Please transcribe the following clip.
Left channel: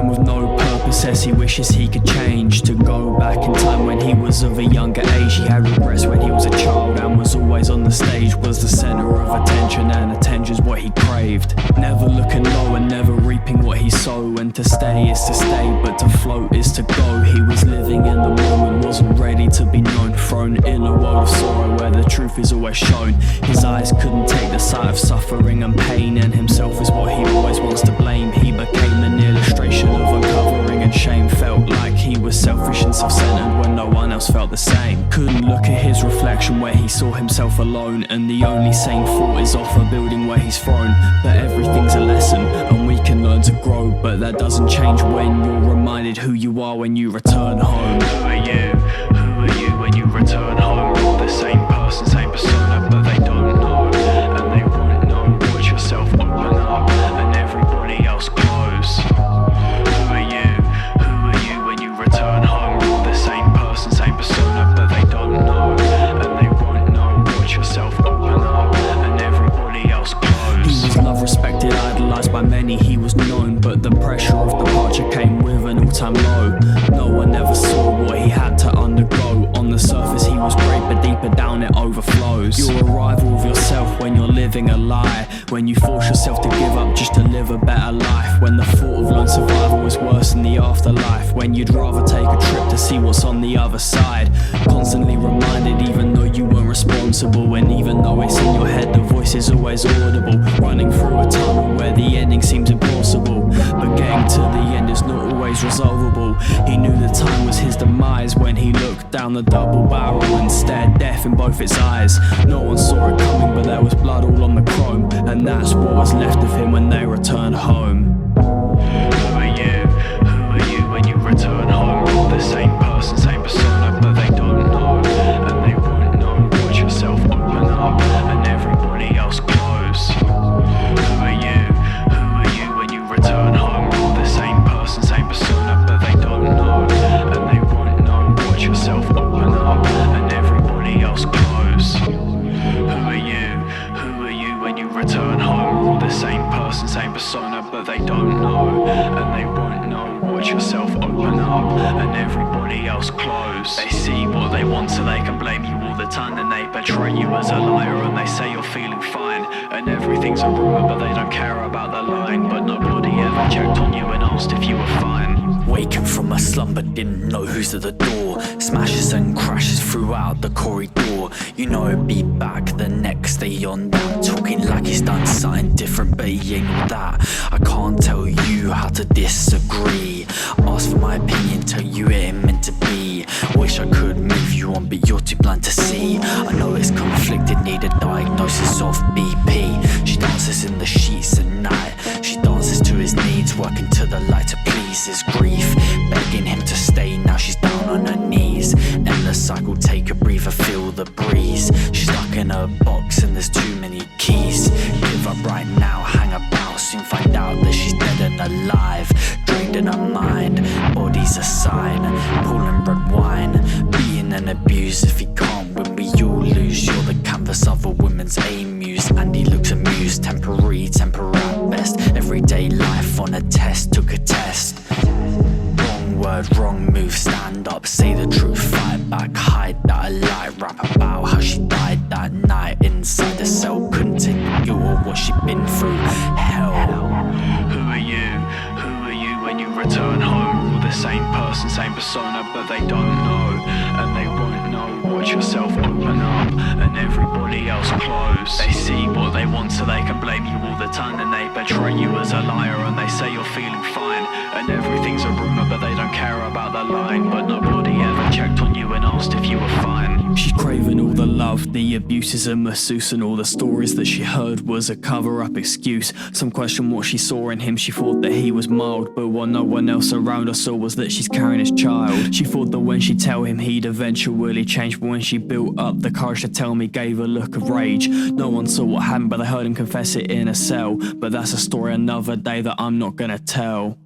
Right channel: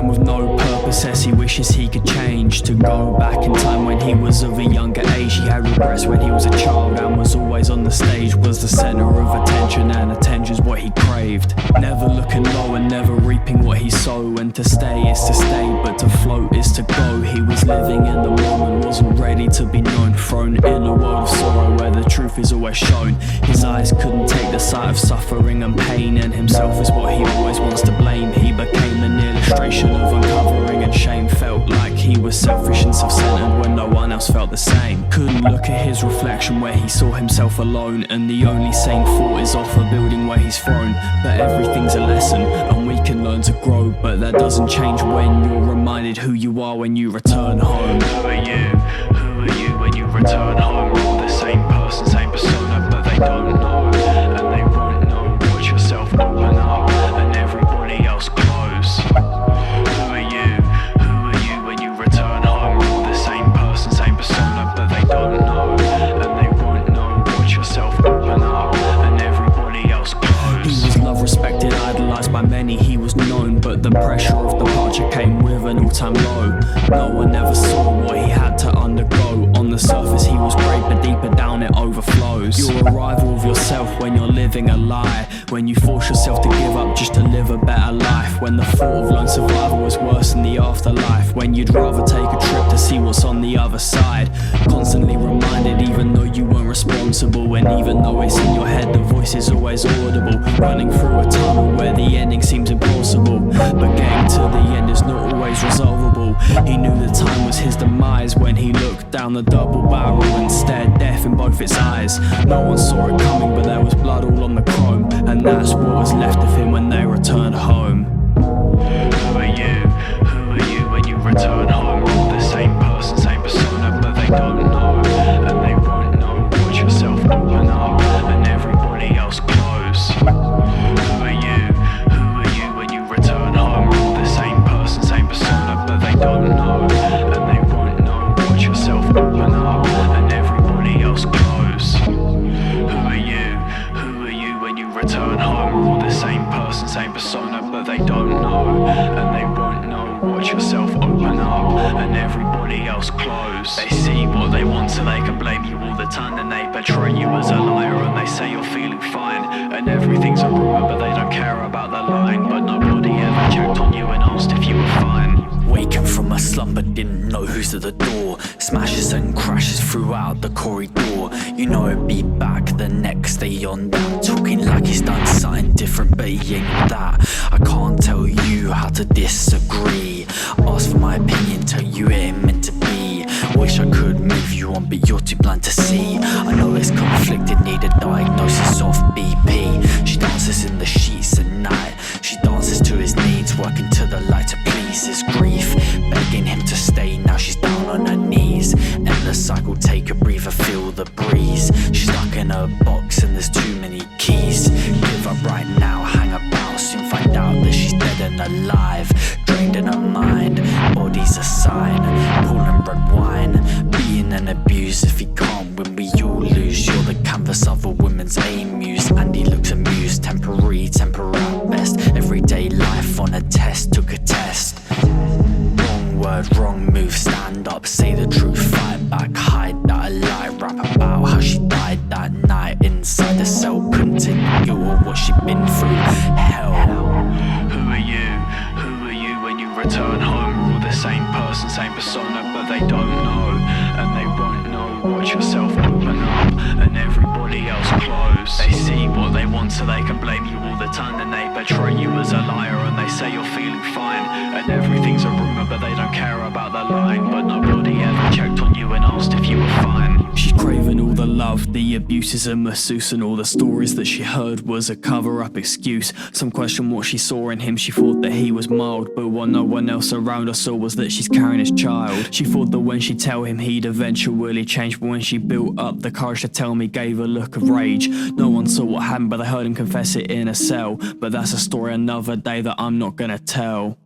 man with no purpose says he wishes he could change, to go back in time when he was of a younger age. He had regrets when he was a child and was always on the stage, was the center of attention, and attention's what he craved. Never looking low and never reaping what he sowed, and to stay is to stay, but to float is to go. He was living in the moment, wasn't ready to be known, thrown in a world of sorrow where the truth is always shown. His eyes couldn't take the sight of suffering and pain, and himself is what he always wants to blame. He became an illustration of uncovering and shame, felt like he was selfish and self-centered when no one else felt the same. Couldn't look at his reflection where he saw himself alone, and the only sane thought is off a building where he's thrown. But everything's a lesson and we can learn to grow, but that doesn't change when you're reminded who you are when you return home. Who are you? Who are you when you return home? You're the same person, same persona, but they don't know, and they won't know. Watch yourself open up and everybody else close. Who are you? Who are you when you return home? You're the same person, same persona, but they don't know, and they won't know. Watch yourself open up and everybody else close. He was loved, respected, idolized by many, he was known, but the pressure of departure came with an all-time low. No one ever saw what he had to undergo. On the surface he was great, but deeper down it overflows. Your arrival of yourself when you're living a lie, when you force yourself to give up just to live a better life, when the thought of lone survival is worse than the afterlife, when you'd rather take a trip to see what's on the other side. Constantly reminded even though you weren't responsible, and even though it's in your head the voice is always audible. Running through a tunnel where the ending seems impossible, but getting to the end is not always resolvable. He knew the time was his demise when he looked down the double barrel and stared death in both its eyes. No one saw it coming, but there was blood all on the chrome, and that's what was left of him when they returned home. Who are you? Who are you when you return home? You're the same person, same persona, but they don't know, and they won't know. Watch yourself open up and everybody else close. Who are you? Who are you when you return home? You're the same person, same persona, but they don't know, and they won't know. Watch yourself open up and everybody else close. Who are you? Who are you when you return home? You're the same person, same persona, but they don't know, and they won't know. Watch yourself open up and everybody else close. They see what they want so they can blame you all the time, and they portray you as a liar, and they say you're feeling fine and everything's a rumor, but they don't care about the lying. But nobody ever checked on you and asked if you were fine. Waking from a slumber, didn't know who's at the door. Smashes and crashes throughout the corridor. You know he'll be back the next day on that, talking like he's done something different, but he ain't all that. I can't tell you how to disagree. Ask for my opinion, tell you it ain't meant to be. Wish I could move you on, but you're too blind to see. I know it's conflicted, need a diagnosis of BP. She dances in the sheets at night. She dances to his needs, working to the light to please his grief. Begging him to stay, now she's down on her knees. Endless cycle, take a breather, feel the breeze. She's stuck in a box and there's too many keys. Give up right now, hang about, soon find out that she's dead and alive. Drained in her mind, body's a sign. Pulling red wine, beaten and abused. If he can't win, we all lose. You're the canvas of a woman's aim muse, and he looks amused. Temporary, temper at best. Everyday life on a test, took a test. Wrong word, wrong move, stand up, say the truth, fight back, hide that a lie. Rap about how she died that night inside a cell. Couldn't take the guilt of what she'd been through. Hell. Who are you? Who are you when you return home? You're the same person, same persona, but they don't know, and they won't know. Watch yourself open up and everybody else close. They see what they want so they can blame you all the time, and they portray you as a liar, and they say you're feeling fine and everything's a rumor, but they don't care about the lying. But nobody ever checked on you and asked if you were fine. She's craving all the love, the abuses and masseuse, and all the stories that she heard was a cover-up excuse. Some question what she saw in him, she thought that he was mild, but what no one else around her saw was that she's carrying his child. She thought that when she'd tell him he'd eventually change, but when she built up the courage to tell me, gave a look of rage. No one saw what happened, but they heard him confess it in a cell. But that's a story another day that I'm not gonna tell.